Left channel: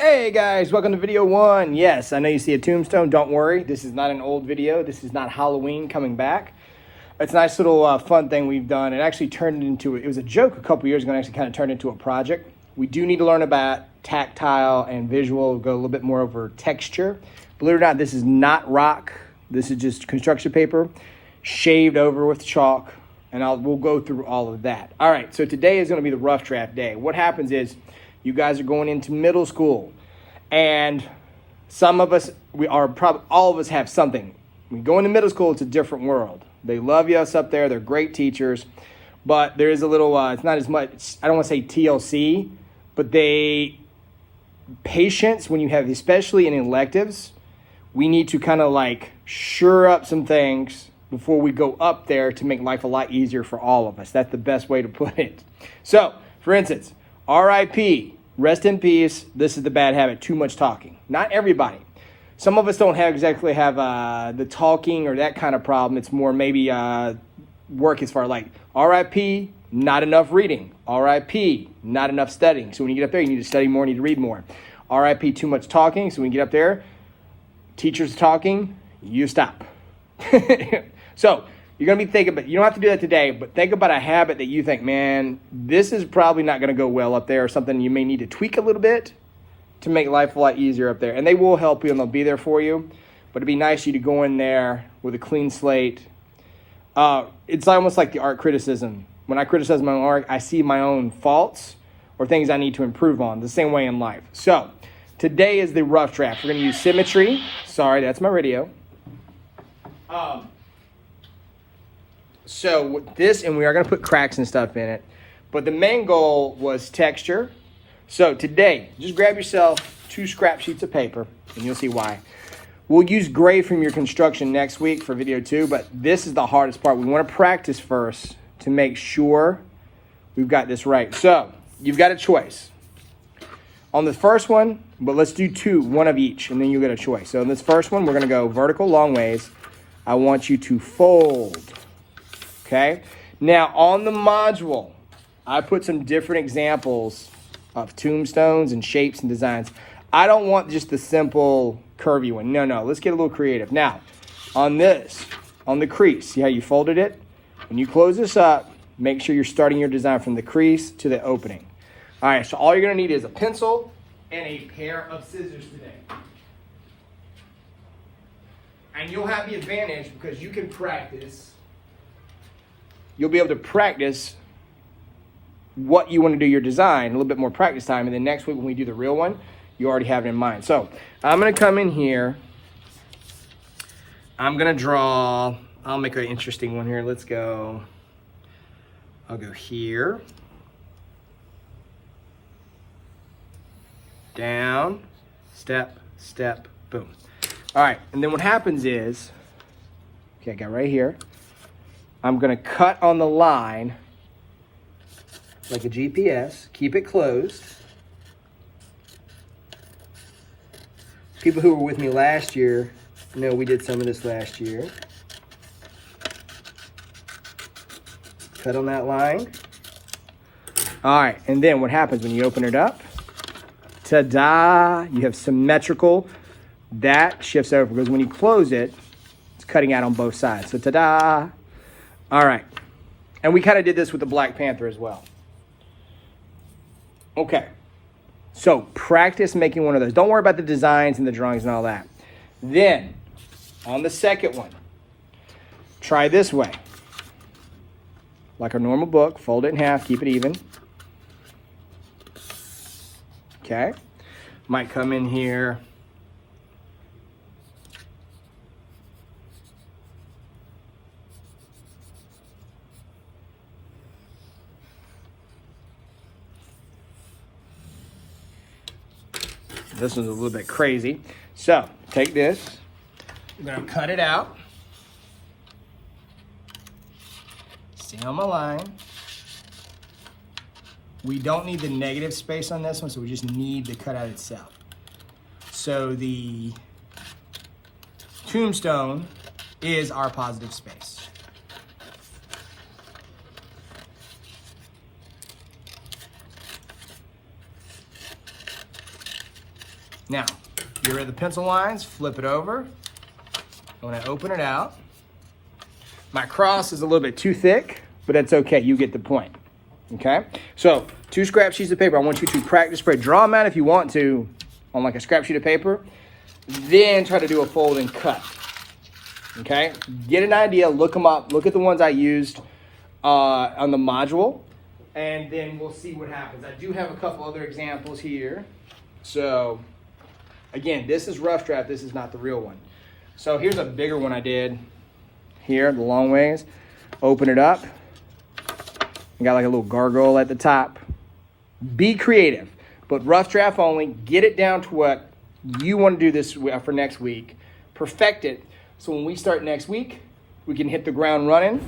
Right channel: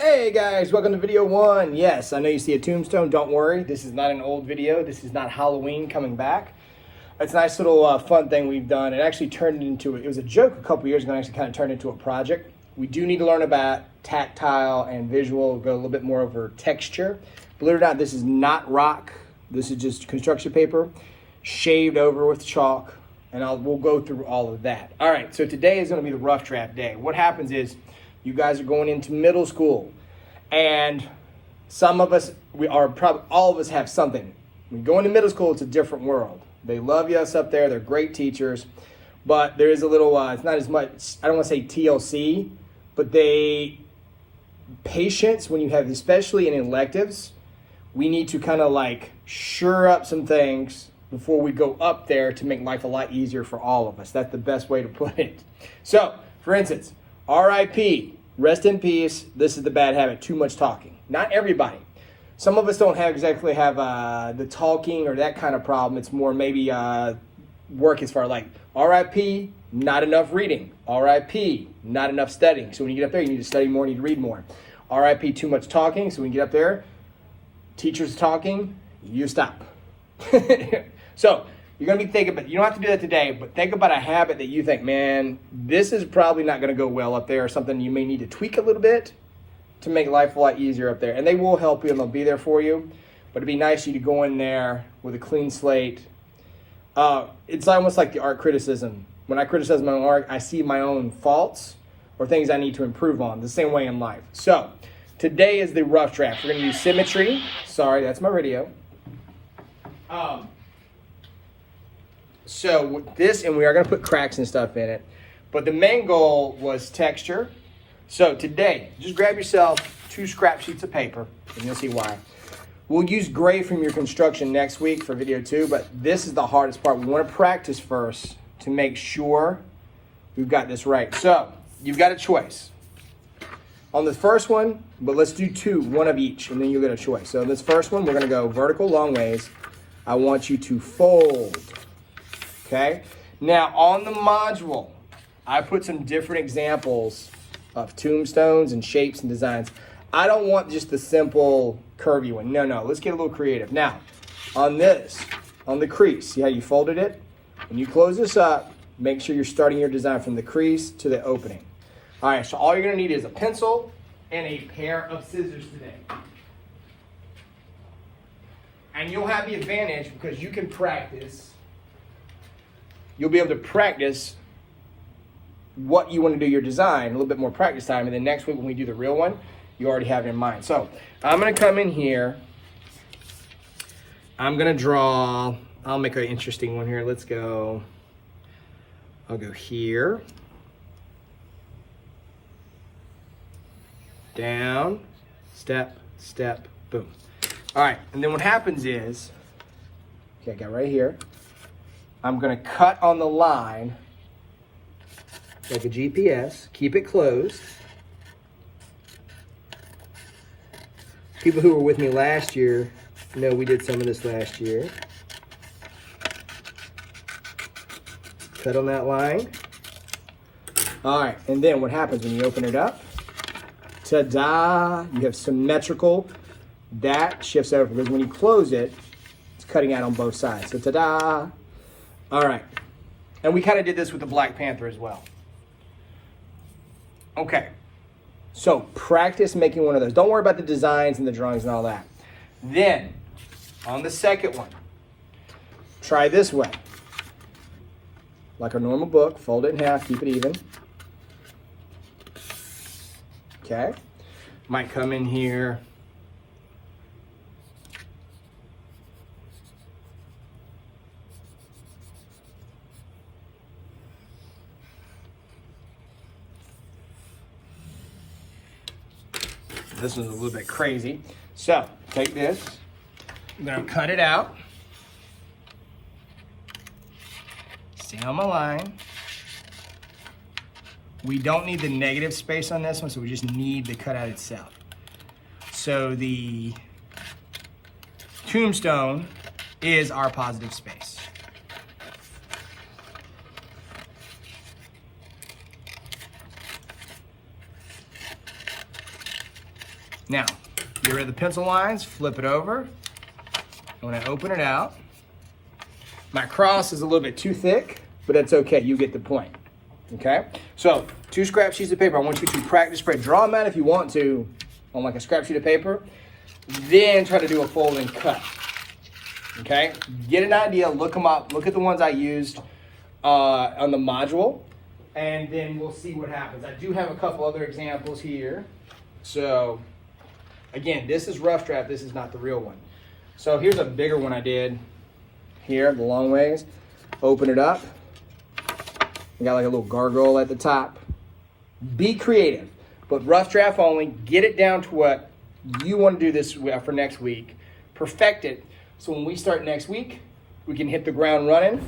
Hey guys, welcome to video one. Yes, I know you see a tombstone. Don't worry, this is not an old video. This is not Halloween coming back. It's a nice little fun thing we've done. It actually turned into, it was a joke a couple years ago and actually kind of turned into a project. We do need to learn about tactile and visual, go a little bit more over texture. Believe it or not, this is not rock. This is just construction paper, shaved over with chalk, and we'll go through all of that. All right, so today is gonna be the rough draft day. What happens is, you guys are going into middle school, and some of us, all of us have something. When you go into middle school, it's a different world. They love us up there. They're great teachers, but there is a little, it's not as much, I don't want to say TLC, but patience when you have, especially in electives, we need to kind of like sure up some things before we go up there to make life a lot easier for all of us. That's the best way to put it. So, for instance, RIP, rest in peace. This is the bad habit, too much talking. Not everybody. Some of us don't exactly have the talking or that kind of problem. It's more maybe work as far like RIP, not enough reading. RIP, not enough studying. So when you get up there, you need to study more, you need to read more. RIP, too much talking. So when you get up there, teachers talking, you stop. So you're going to be thinking, but you don't have to do that today, but think about a habit that you think, man, this is probably not going to go well up there, or something you may need to tweak a little bit to make life a lot easier up there. And they will help you and they'll be there for you, but it'd be nice for you to go in there with a clean slate. It's almost like the art criticism. When I criticize my own art, I see my own faults or things I need to improve on, the same way in life. So today is the rough draft. We're going to use symmetry. Sorry, that's my radio. So with this, and we are going to put cracks and stuff in it, but the main goal was texture. So today, just grab yourself 2 scrap sheets of paper, and you'll see why. We'll use gray from your construction next week for video 2, but this is the hardest part. We want to practice first to make sure we've got this right. So you've got a choice. On the first one, but let's do 2, 1 of each, and then you'll get a choice. So in this first one, we're going to go vertical long ways. I want you to fold. Okay, now on the module, I put some different examples of tombstones and shapes and designs. I don't want just the simple curvy one. No, let's get a little creative. Now, on this, on the crease, see how you folded it? When you close this up, make sure you're starting your design from the crease to the opening. All right, so all you're gonna need is a pencil and a pair of scissors today. And you'll have the advantage because you can practice. You'll be able to practice what you want to do your design, a little bit more practice time, and then next week when we do the real one, you already have it in mind. So I'm going to come in here. I'm going to draw, I'll make an interesting one here. Let's go, I'll go here, down, step, step, boom. All right, and then what happens is, okay, I got right here. I'm going to cut on the line like a GPS, keep it closed. People who were with me last year know we did some of this last year. Cut on that line. All right, and then what happens when you open it up? Ta-da! You have symmetrical. That shifts over because when you close it, it's cutting out on both sides. So ta-da! All right, and we kind of did this with the Black Panther as well. Okay, so practice making one of those. Don't worry about the designs and the drawings and all that. Then, on the second one, try this way. Like a normal book, fold it in half, keep it even. Okay, might come in here. This is a little bit crazy. So take this, I'm gonna cut it out. Stay on my line. We don't need the negative space on this one, so we just need the cutout itself. So the tombstone is our positive space. Now, get rid of the pencil lines, flip it over. When I open it out, my cross is a little bit too thick, but that's okay, you get the point, okay? So, 2 scrap sheets of paper. I want you to crack the spread. Draw them out if you want to on like a scrap sheet of paper, then try to do a fold and cut, okay? Get an idea, look them up, look at the ones I used on the module, and then we'll see what happens. I do have a couple other examples here. So, again, this is rough draft, this is not the real one. So here's a bigger one I did here, the long ways. Open it up. You got like a little gargoyle at the top. Be creative, but rough draft only. Get it down to what you want to do this for next week. Perfect it. So when we start next week, we can hit the ground running,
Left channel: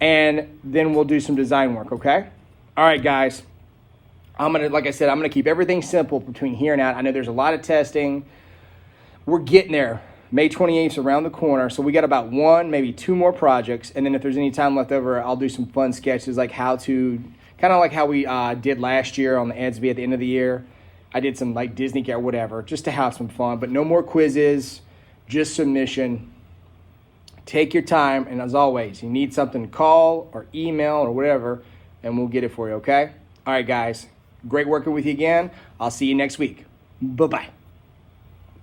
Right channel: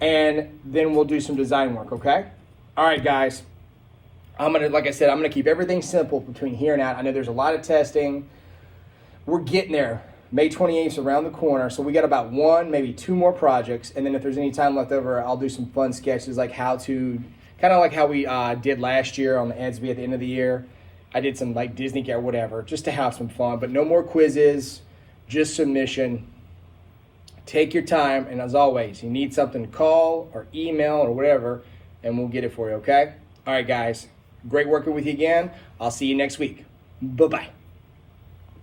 and then we'll do some design work, okay? All right, guys. Like I said, I'm gonna keep everything simple between here and out. I know there's a lot of testing. We're getting there. May 28th is around the corner, so we got about 1, maybe 2 more projects, and then if there's any time left over, I'll do some fun sketches like how to, kind of like how we did last year on the EDSB at the end of the year. I did some like Disney or whatever, just to have some fun, but no more quizzes, just submission. Take your time, and as always, you need something, call or email or whatever, and we'll get it for you, okay? All right, guys, great working with you again. I'll see you next week. Bye-bye.